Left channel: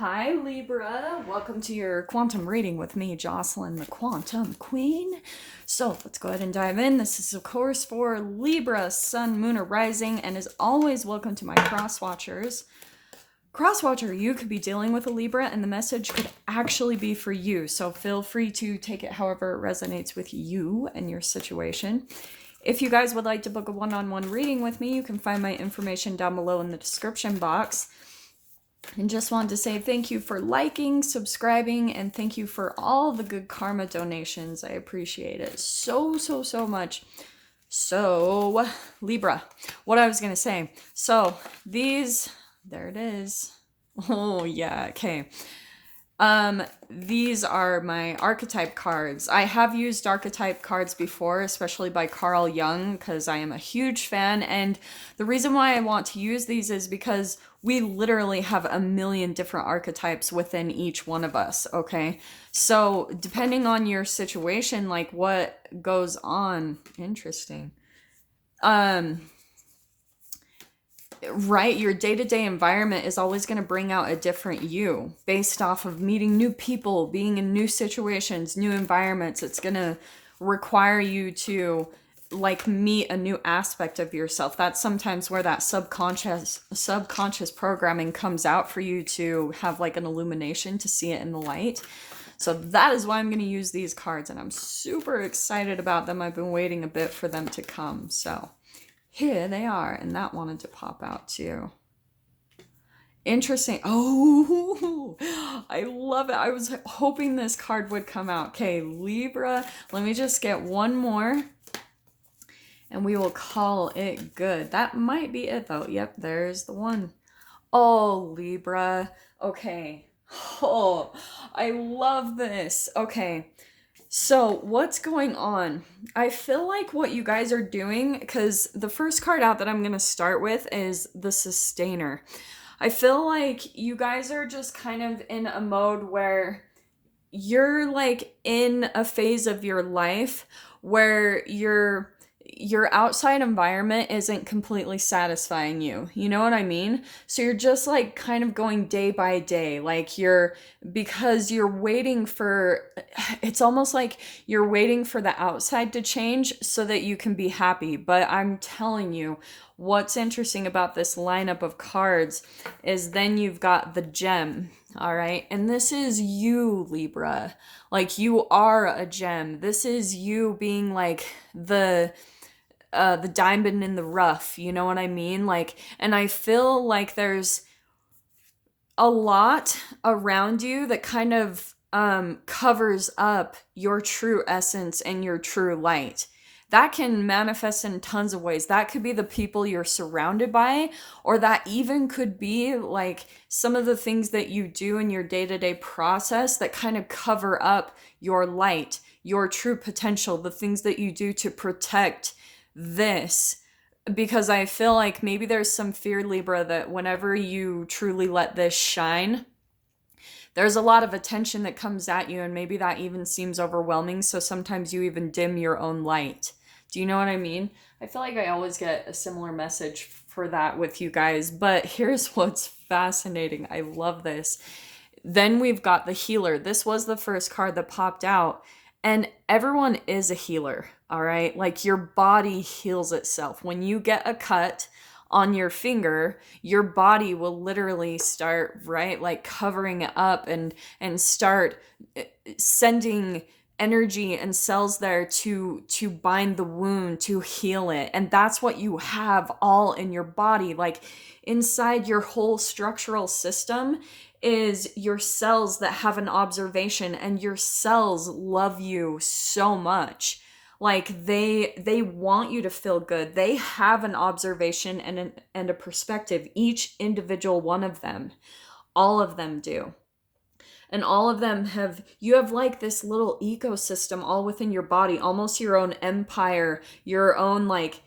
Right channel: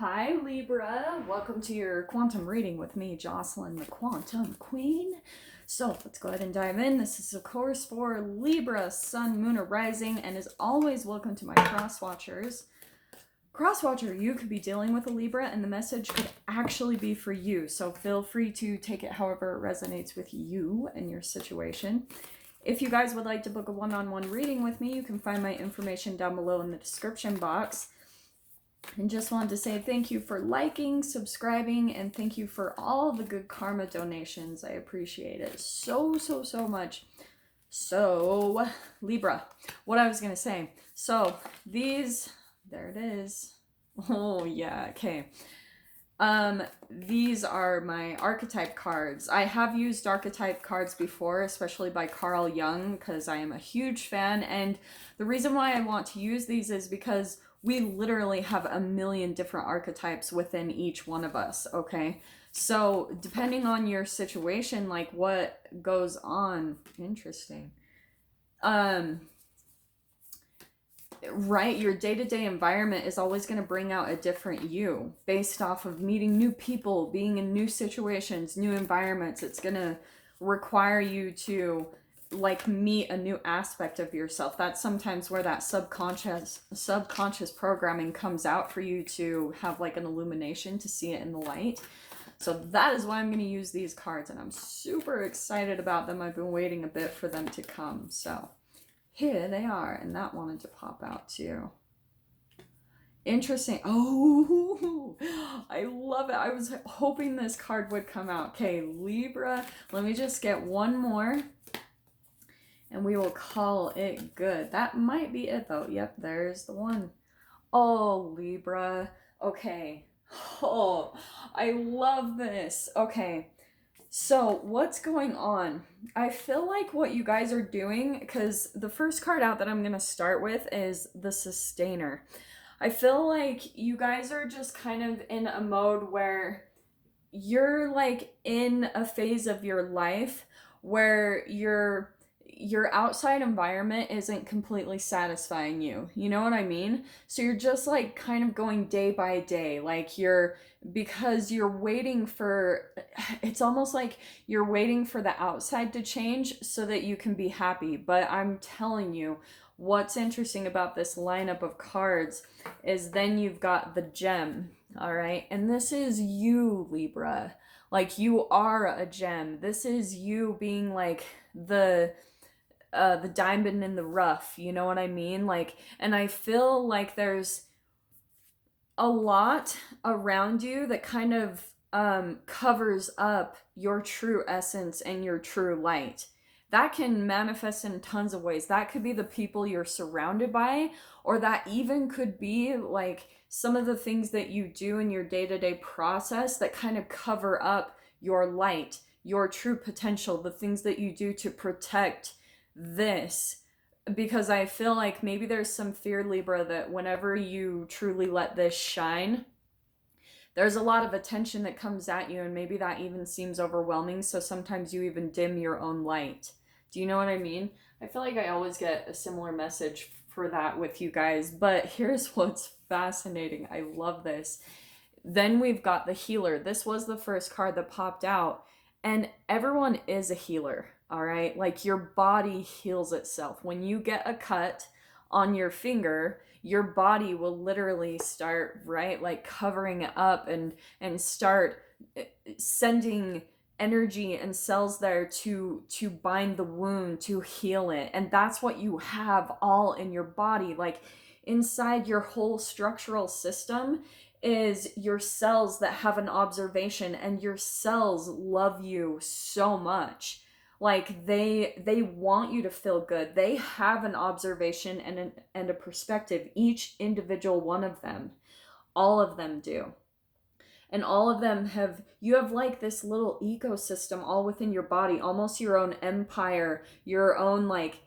Hi Libra, welcome to your quantum reading with me, Jocelyn, the Quantum Queen. So let's go ahead and dive in. This is of course for Libra, Sun, Moon, or Rising, and as always, welcome to my cross watchers. Crosswatcher, you could be dealing with a Libra and the message could actually be for you. So feel free to take it however it resonates with you and your situation. If you guys would like to book a one-on-one reading with me, you can find my information down below in the description box. And just wanted to say thank you for liking, subscribing, and thank you for all the good karma donations. I appreciate it so much. So, Libra, what I was going to say. So, these, there it is. Oh, yeah, okay. These are my archetype cards. I have used archetype cards before, especially by Carl Jung, because I am a huge fan. And the reason why I want to use these is because we literally have a million different archetypes within each one of us, okay? So depending on your situation, like what goes on, interesting. Right, your day-to-day environment is always going to bring out a different you based off of meeting new people, being in new situations, new environments. It's going to require you to like meet a new aspect of yourself. That's sometimes where that subconscious programming comes out for you to have like an illumination to see it in the light. So that is why I'm going to use these cards, and I'm super excited about them. I've been waiting a bit for them to come, so here they are, and that wanted to pop out too. Interesting. Oh, I love it. I was hoping this card would come out. Okay, Libra. Let me just get one more, and we will call it good. That might be it, though. Yep, there's the one. Oh, Libra. Okay. Oh, I love this. Okay. So what's going on? I feel like what you guys are doing, because the first card out that I'm going to start with is the Sustainer. I feel like you guys are just kind of in a mode where you're like in a phase of your life where your outside environment isn't completely satisfying you. You know what I mean? So you're just like kind of going day by day. Like because you're waiting for, it's almost like you're waiting for the outside to change so that you can be happy. But I'm telling you, what's interesting about this lineup of cards is then you've got the gem, all right? And this is you, Libra. Like you are a gem. This is you being like the diamond in the rough, you know what I mean? Like, and I feel like there's a lot around you that kind of covers up your true essence and your true light. That can manifest in tons of ways. That could be the people you're surrounded by, or that even could be like some of the things that you do in your day-to-day process that kind of cover up your light, your true potential, the things that you do to protect this. Because I feel like maybe there's some fear, Libra, that whenever you truly let this shine, there's a lot of attention that comes at you, and maybe that even seems overwhelming, so sometimes you even dim your own light. Do you know what I mean? I feel like I always get a similar message for that with you guys, but here's what's fascinating. I love this. Then we've got the healer. This was the first card that popped out, and everyone is a healer, all right? Like your body heals itself. When you get a cut on your finger, your body will literally start, right? Like covering it up and start sending energy and cells there to bind the wound, to heal it. And that's what you have all in your body. Like inside your whole structural system is your cells that have an observation, and your cells love you so much. Like they want you to feel good. They have an observation and a perspective, each individual one of them. All of them do. And all of them you have like this little ecosystem all within your body, almost your own empire, your own like,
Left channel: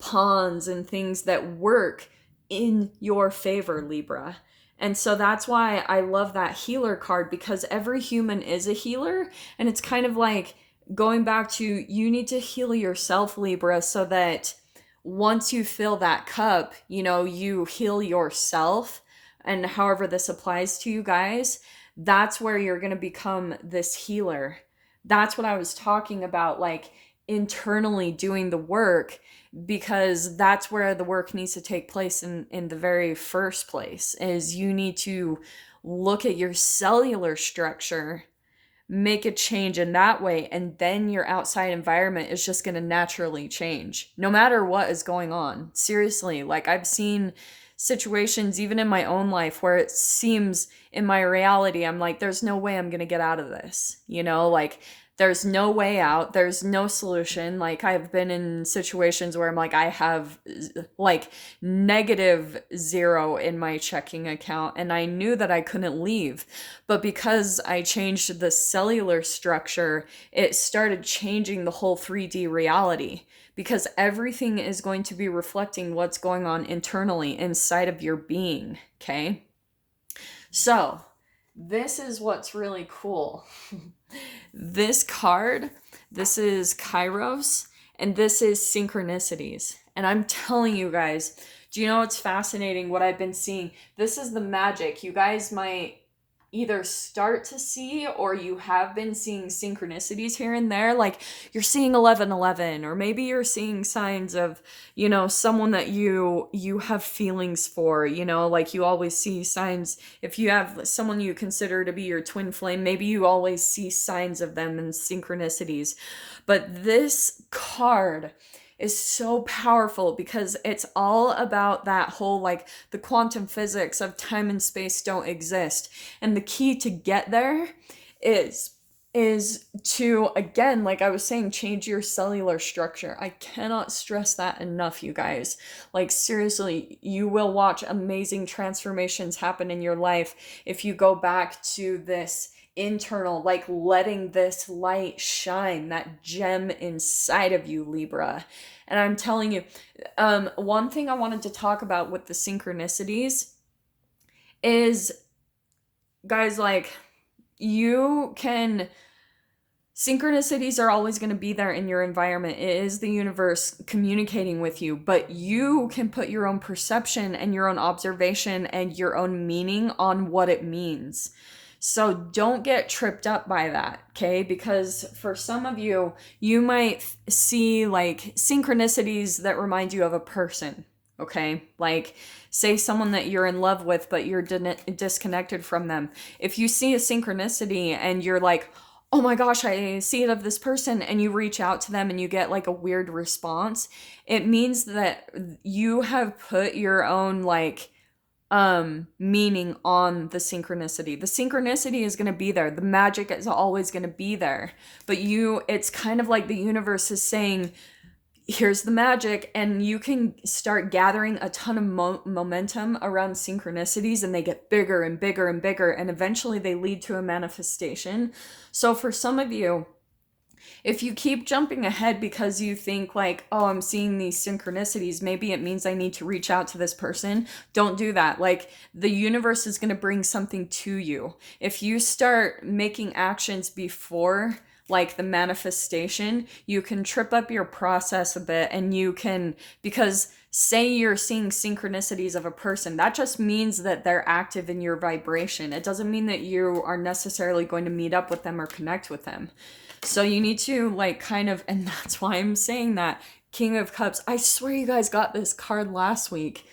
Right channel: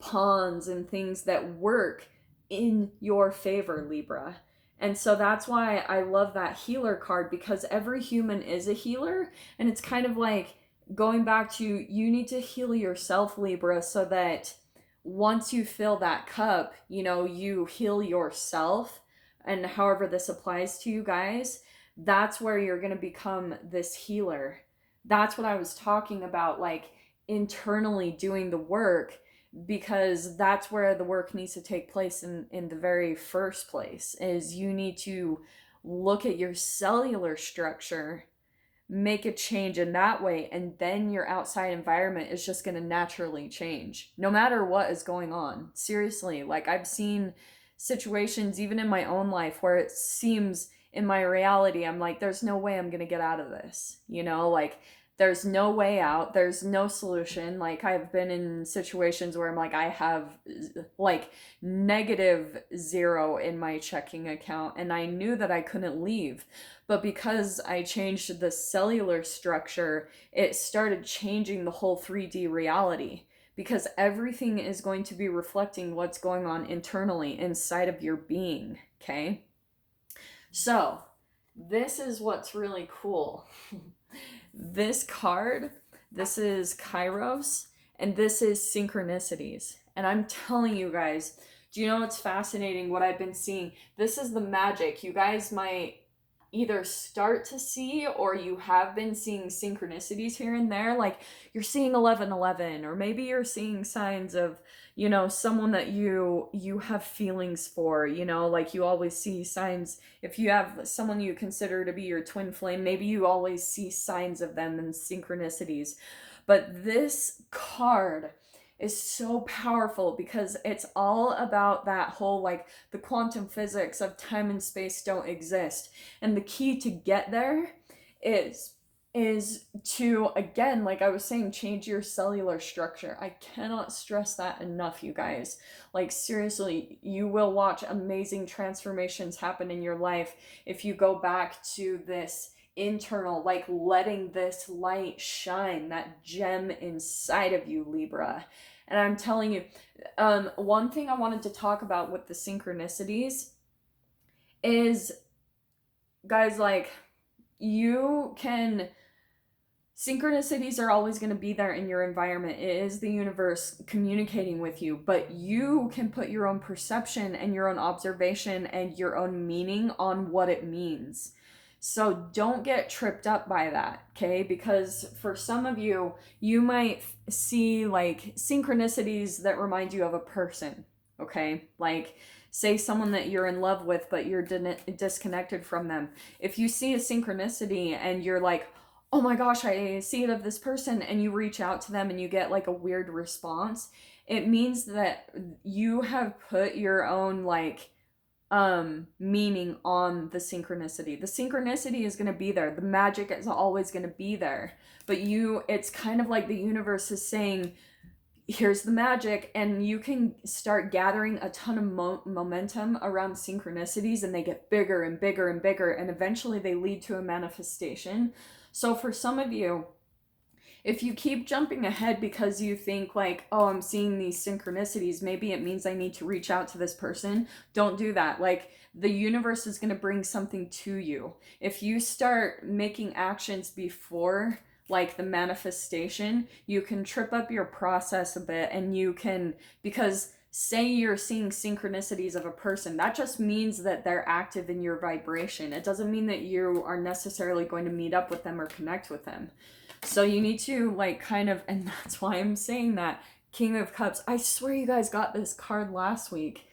pawns and things that work in your favor, Libra. And so that's why I love that healer card, because every human is a healer. And it's kind of like going back to, you need to heal yourself, Libra, so that once you fill that cup, you heal yourself and however this applies to you guys, that's where you're going to become this healer. That's what I was talking about, like internally doing the work, because that's where the work needs to take place in the very first place, is you need to look at your cellular structure, make a change in that way, and then your outside environment is just going to naturally change no matter what is going on. Seriously, like I've seen situations even in my own life where it seems in my reality I'm like, there's no way I'm going to get out of this, you know, like there's no way out, there's no solution. Like I've been in situations where I'm like, I have like -0 in my checking account, and I knew that I couldn't leave, but because I changed the cellular structure, it started changing the whole 3D reality, because everything is going to be reflecting what's going on internally inside of your being. Okay, so this is what's really cool. This card, this is Kairos, and this is Synchronicities. And I'm telling you guys, do you know what's fascinating? What I've been seeing, this is the magic. You guys might either start to see, or you have been seeing synchronicities here and there. Like you're seeing 1111, or maybe you're seeing signs of, you know, someone that you have feelings for, you know, like you always see signs. If you have someone you consider to be your twin flame, maybe you always see signs of them in synchronicities. But this card is so powerful because it's all about that whole, like, the quantum physics of time and space don't exist. And the key to get there is to, again, like I was saying, change your cellular structure. I cannot stress that enough, you guys. Like seriously, you will watch amazing transformations happen in your life if you go back to this internal, like letting this light shine, that gem inside of you, Libra. And I'm telling you, one thing I wanted to talk about with the synchronicities is, guys, like, synchronicities are always going to be there in your environment. It is the universe communicating with you, but you can put your own perception and your own observation and your own meaning on what it means. So don't get tripped up by that, okay? Because for some of you, you might see like synchronicities that remind you of a person, okay? Like say someone that you're in love with, but you're disconnected from them. If you see a synchronicity and you're like, oh my gosh, I see it of this person, and you reach out to them and you get like a weird response, it means that you have put your own like meaning on the synchronicity. The synchronicity is going to be there. The magic is always going to be there. But it's kind of like the universe is saying, here's the magic, and you can start gathering a ton of momentum around synchronicities, and they get bigger and bigger and bigger, and eventually they lead to a manifestation. So for some of you, if you keep jumping ahead because you think like, oh, I'm seeing these synchronicities, maybe it means I need to reach out to this person, don't do that. Like the universe is going to bring something to you. If you start making actions before like the manifestation, you can trip up your process a bit, and you can, because say you're seeing synchronicities of a person, that just means that they're active in your vibration. It doesn't mean that you are necessarily going to meet up with them or connect with them. So you need to like kind of, and that's why I'm saying that King of Cups, I swear you guys got this card last week.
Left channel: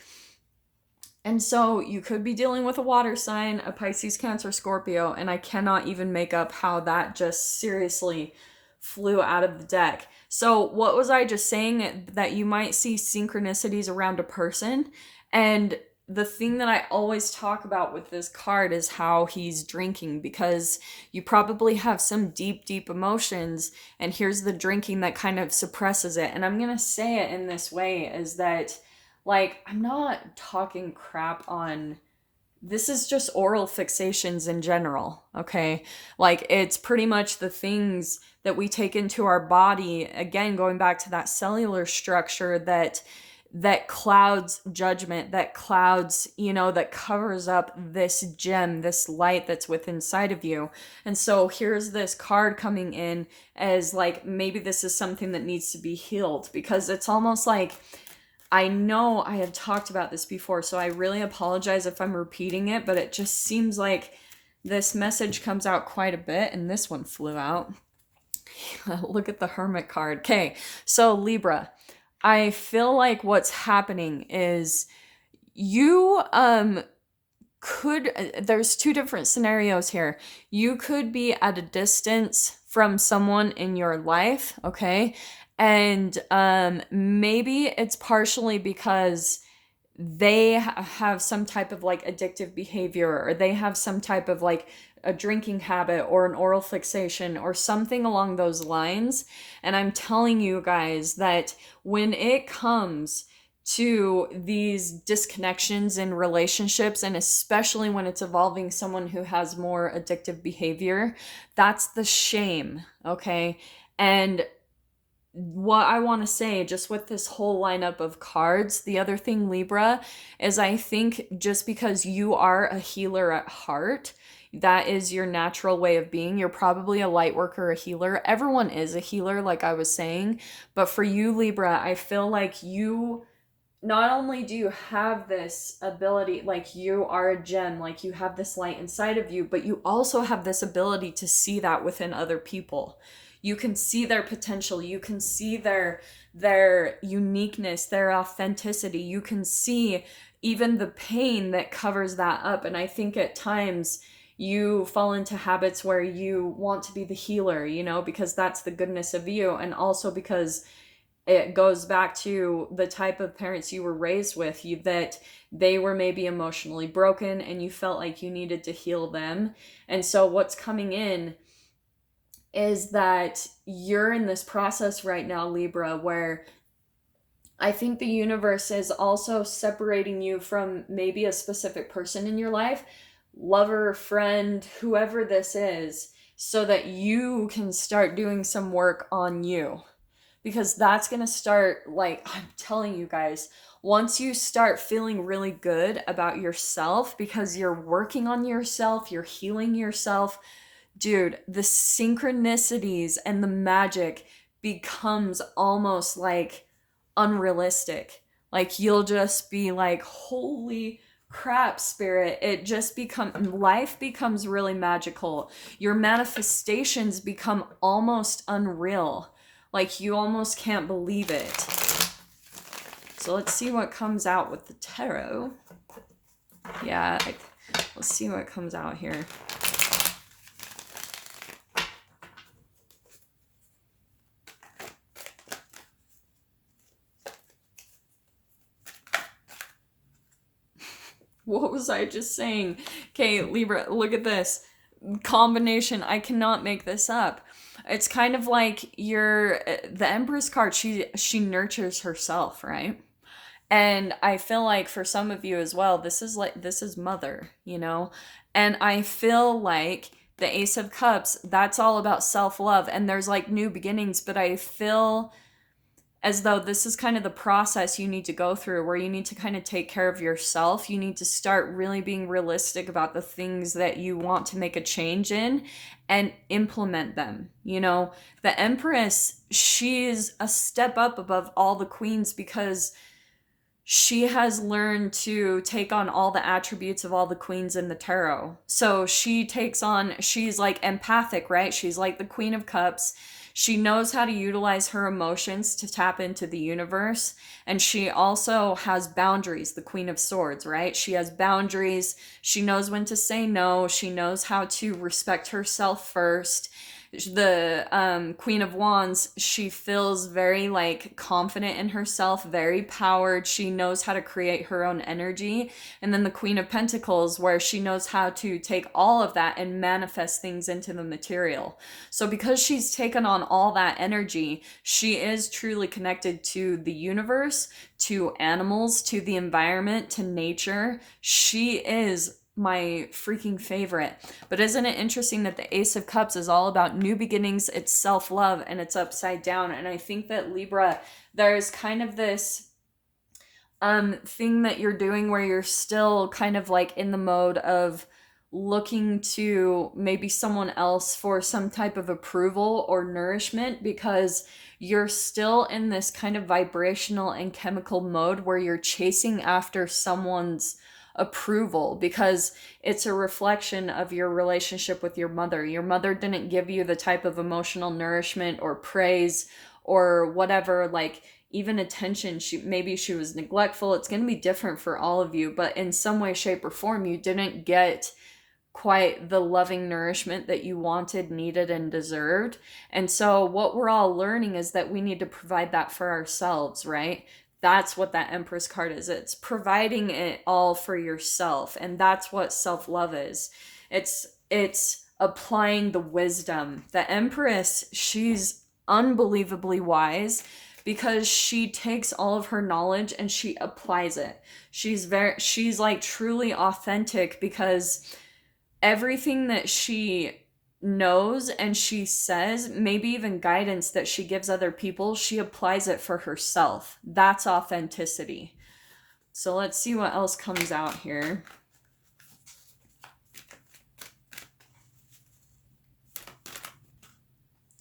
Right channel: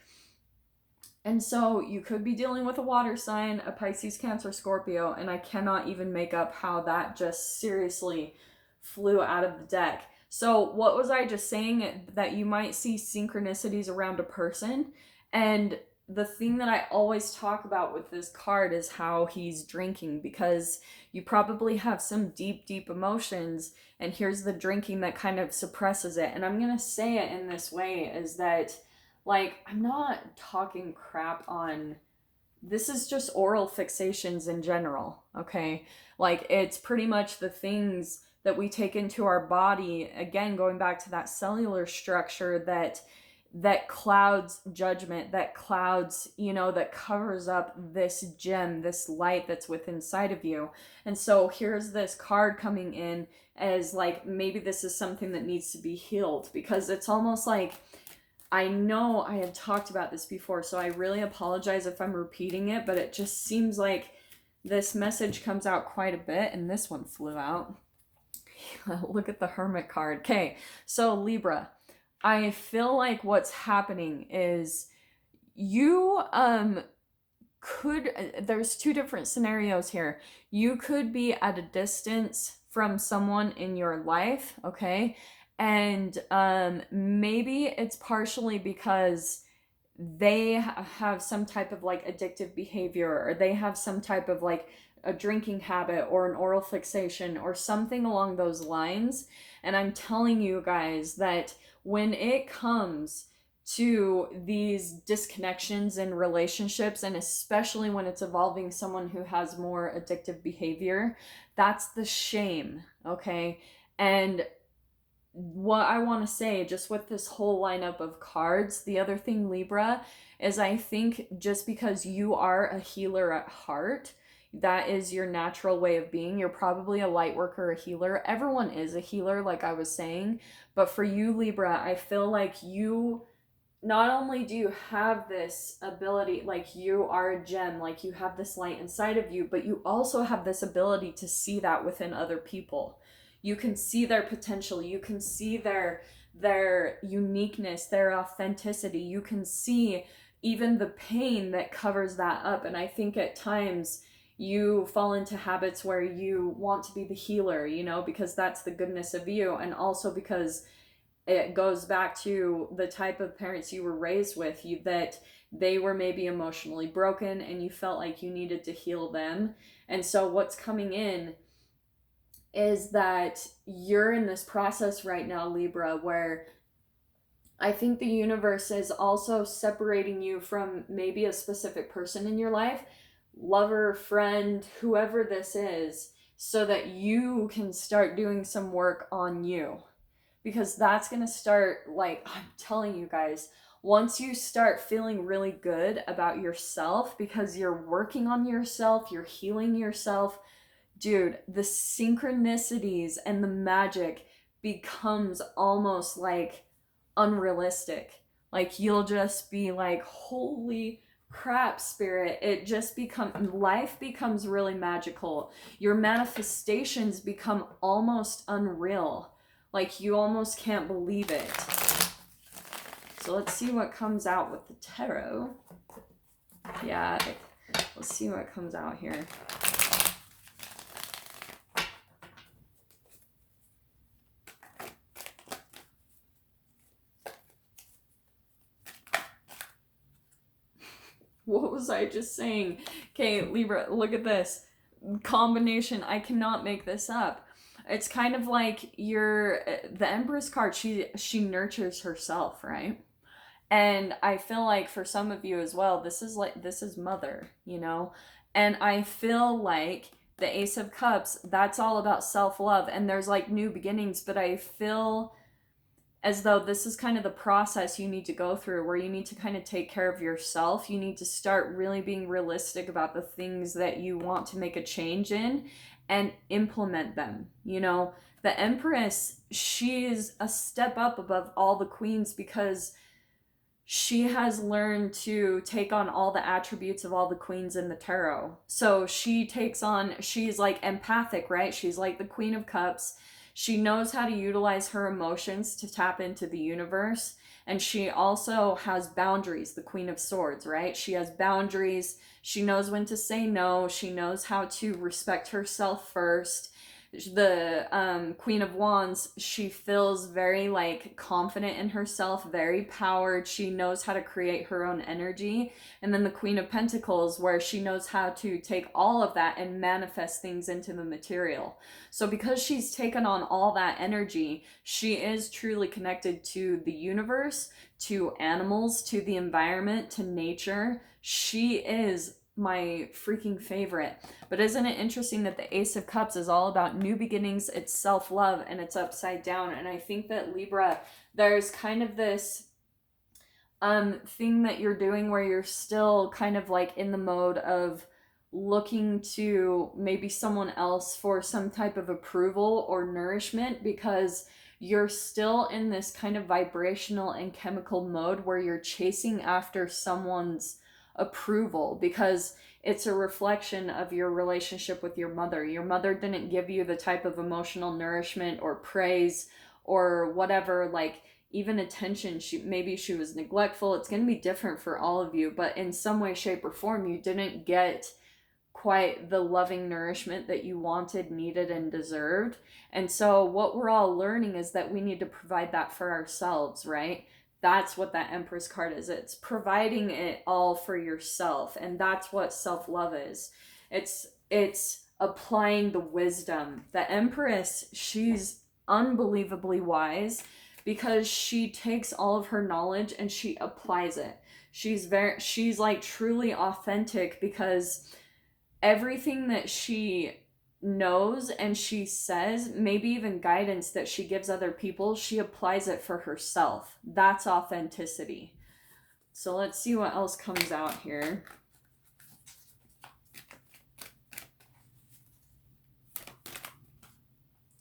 And so you could be dealing with a water sign, a Pisces, Cancer, Scorpio, and I cannot even make up how that just seriously flew out of the deck. So what was I just saying? That you might see synchronicities around a person, and the thing that I always talk about with this card is how he's drinking, because you probably have some deep, deep emotions, and here's the drinking that kind of suppresses it. And I'm going to say it in this way, is that, like, I'm not talking crap on, this is just oral fixations in general, okay? Like, it's pretty much the things that we take into our body, again, going back to that cellular structure that clouds judgment, that clouds, that covers up this gem, this light that's within inside of you. And so here's this card coming in as like, maybe this is something that needs to be healed, because it's almost like, I know I have talked about this before, so I really apologize if I'm repeating it, but it just seems like this message comes out quite a bit, and this one flew out. Look at the Hermit card. Okay, so Libra, I feel like what's happening is you there's two different scenarios here. You could be at a distance from someone in your life, okay? And maybe it's partially because they have some type of like addictive behavior, or they have some type of like a drinking habit or an oral fixation or something along those lines. And I'm telling you guys that when it comes to these disconnections in relationships, and especially when it's involving someone who has more addictive behavior, that's the shame, okay? And what I want to say, just with this whole lineup of cards, the other thing, Libra, is I think just because you are a healer at heart, that is your natural way of being. You're probably a light worker, a healer. Everyone is a healer, like I was saying. But for you, Libra, I feel like you not only do you have this ability, like you are a gem, like you have this light inside of you, but you also have this ability to see that within other people. You can see their potential, you can see their uniqueness, their authenticity. You can see even the pain that covers that up. And I think at times you fall into habits where you want to be the healer, you know, because that's the goodness of you, and also because it goes back to the type of parents you were raised with, you that they were maybe emotionally broken and you felt like you needed to heal them. And so what's coming in is that you're in this process right now, Libra, where I think the universe is also separating you from maybe a specific person in your life, lover, friend, whoever this is, so that you can start doing some work on you. Because that's going to start, like, I'm telling you guys, once you start feeling really good about yourself because you're working on yourself, you're healing yourself, dude, the synchronicities and the magic becomes almost like unrealistic. Like, you'll just be like, holy crap, spirit. It just life becomes really magical. Your manifestations become almost unreal. Like, you almost can't believe it. So let's see what comes out with the tarot. Yeah, let's see what comes out here. What was I just saying? Okay, Libra, look at this combination. I cannot make this up. It's kind of like the Empress card, she nurtures herself, right? And I feel like for some of you as well, this is mother, you know? And I feel like the Ace of Cups, that's all about self-love, and there's like new beginnings, but I feel as though this is kind of the process you need to go through, where you need to kind of take care of yourself. You need to start really being realistic about the things that you want to make a change in and implement them. You know, the Empress, she's a step up above all the queens because she has learned to take on all the attributes of all the queens in the tarot. So she's like empathic, right? She's like the Queen of Cups. She knows how to utilize her emotions to tap into the universe. And she also has boundaries, the Queen of Swords, right? She has boundaries. She knows when to say no. She knows how to respect herself first. The Queen of Wands, she feels very like confident in herself, very powered. She knows how to create her own energy. And then the Queen of Pentacles, where she knows how to take all of that and manifest things into the material. So because she's taken on all that energy, she is truly connected to the universe, to animals, to the environment, to nature. She is my freaking favorite. But isn't it interesting that the Ace of Cups is all about new beginnings, it's self-love, and it's upside down? And I think that Libra, there's kind of this thing that you're doing where you're still kind of like in the mode of looking to maybe someone else for some type of approval or nourishment, because you're still in this kind of vibrational and chemical mode where you're chasing after someone's approval, because it's a reflection of your relationship with your mother. Your mother didn't give you the type of emotional nourishment or praise or whatever, like even attention. Maybe she was neglectful. It's going to be different for all of you, but in some way, shape, or form, you didn't get quite the loving nourishment that you wanted, needed, and deserved. And so what we're all learning is that we need to provide that for ourselves, right? That's what that Empress card is. It's providing it all for yourself. And that's what self-love is. It's applying the wisdom. The Empress, she's unbelievably wise because she takes all of her knowledge and she applies it. She's like truly authentic, because everything that she knows and she says, maybe even guidance that she gives other people, she applies it for herself. That's authenticity. So let's see what else comes out here.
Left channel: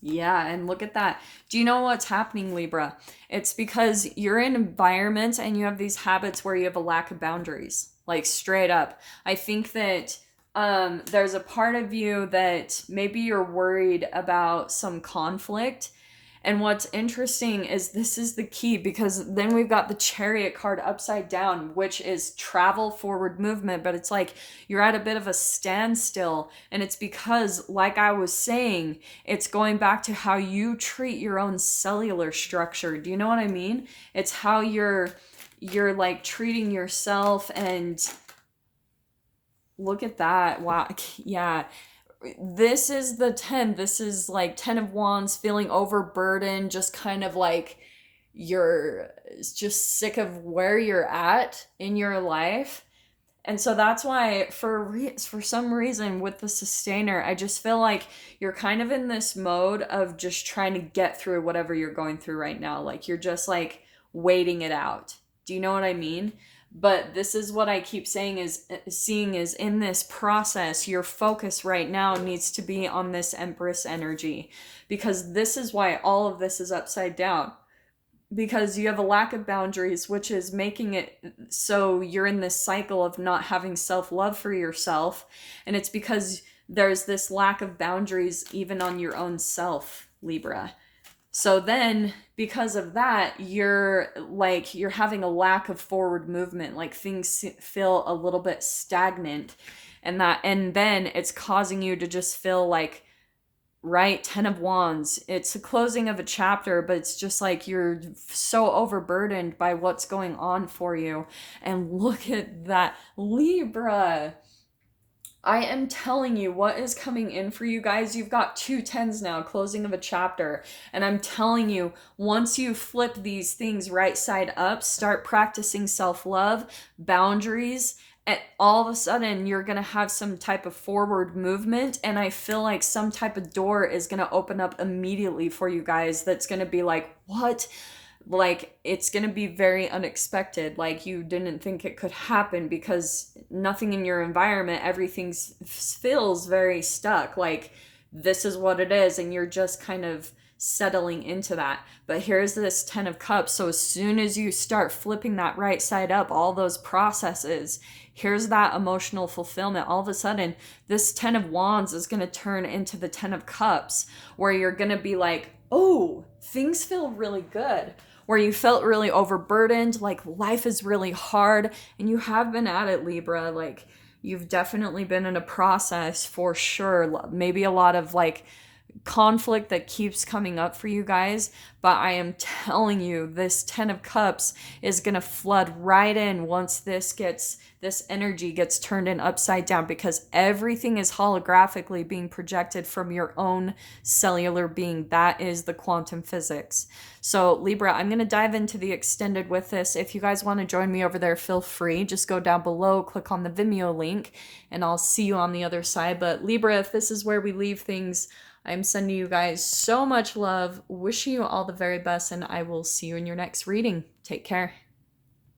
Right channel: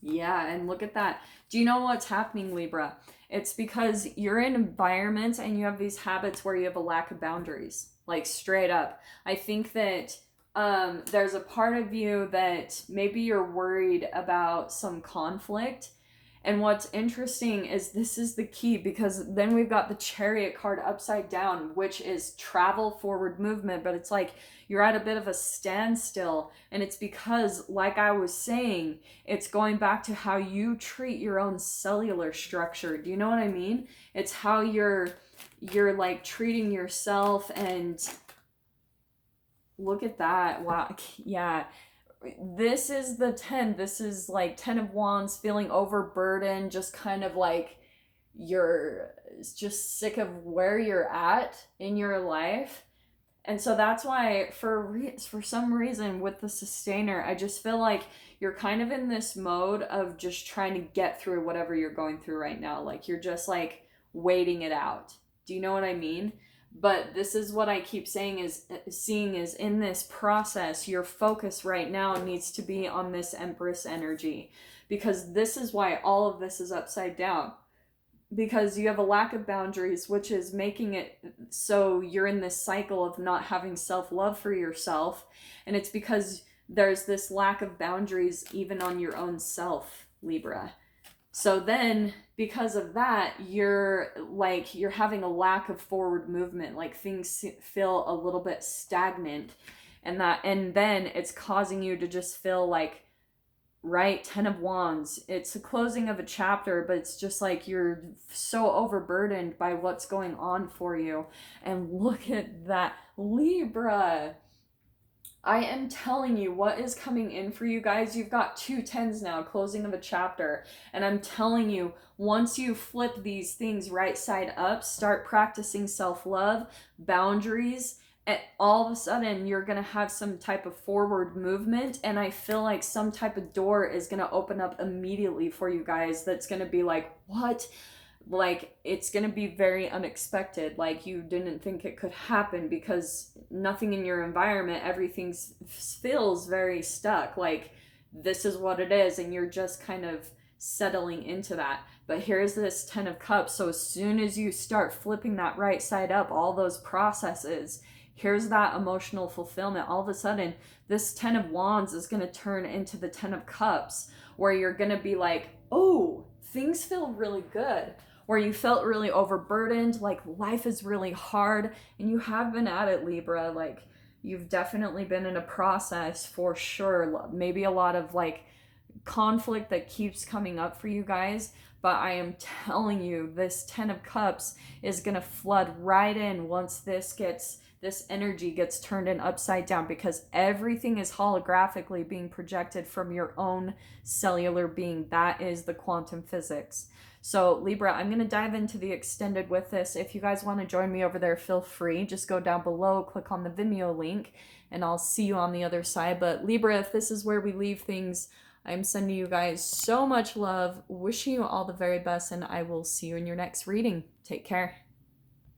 Yeah, and look at that. Do you know what's happening, Libra? It's because you're in environments and you have these habits where you have a lack of boundaries, like straight up. I think that there's a part of you that maybe you're worried about some conflict. And what's interesting is this is the key, because then we've got the Chariot card upside down, which is travel, forward movement, but it's like you're at a bit of a standstill. And it's because, like I was saying, it's going back to how you treat your own cellular structure. Do you know what I mean? It's how you're like treating yourself. And look at that. Wow. Yeah. This is the 10. This is like 10 of Wands, feeling overburdened, just kind of like you're just sick of where you're at in your life. And so that's why for some reason with the Sustainer, I just feel like you're kind of in this mode of just trying to get through whatever you're going through right now. Like you're just like waiting it out. Do you know what I mean? But this is what I keep saying is seeing is in this process, your focus right now needs to be on this Empress energy, because this is why all of this is upside down, because you have a lack of boundaries, which is making it so you're in this cycle of not having self-love for yourself. And it's because there's this lack of boundaries even on your own self, Libra. So then, because of that, you're having a lack of forward movement, like things feel a little bit stagnant, and then it's causing you to just feel like, right, 10 of Wands, it's a closing of a chapter, but it's just like you're so overburdened by what's going on for you. And look at that, Libra. I am telling you what is coming in for you guys. You've got 2 10s now, closing of a chapter. And I'm telling you, once you flip these things right side up, start practicing self-love, boundaries, and all of a sudden you're going to have some type of forward movement. And I feel like some type of door is going to open up immediately for you guys. That's going to be like, what? Like it's going to be very unexpected, like you didn't think it could happen, because nothing in your environment, everything feels very stuck, like this is what it is, and you're just kind of settling into that. But here's this 10 of Cups, so as soon as you start flipping that right side up, all those processes, here's that emotional fulfillment. All of a sudden this 10 of Wands is going to turn into the 10 of Cups, where you're going to be like, oh, things feel really good, where you felt really overburdened, like life is really hard, and you have been at it, Libra. Like you've definitely been in a process for sure. Maybe a lot of like conflict that keeps coming up for you guys, but I am telling you, this 10 of Cups is gonna flood right in once this energy gets turned in upside down, because everything is holographically being projected from your own cellular being. That is the quantum physics. So Libra, I'm going to dive into the extended with this. If you guys want to join me over there, feel free. Just go down below, click on the Vimeo link, and I'll see you on the other side. But Libra, if this is where we leave things, I'm sending you guys so much love, wishing you all the very best, and I will see you in your next reading. Take care.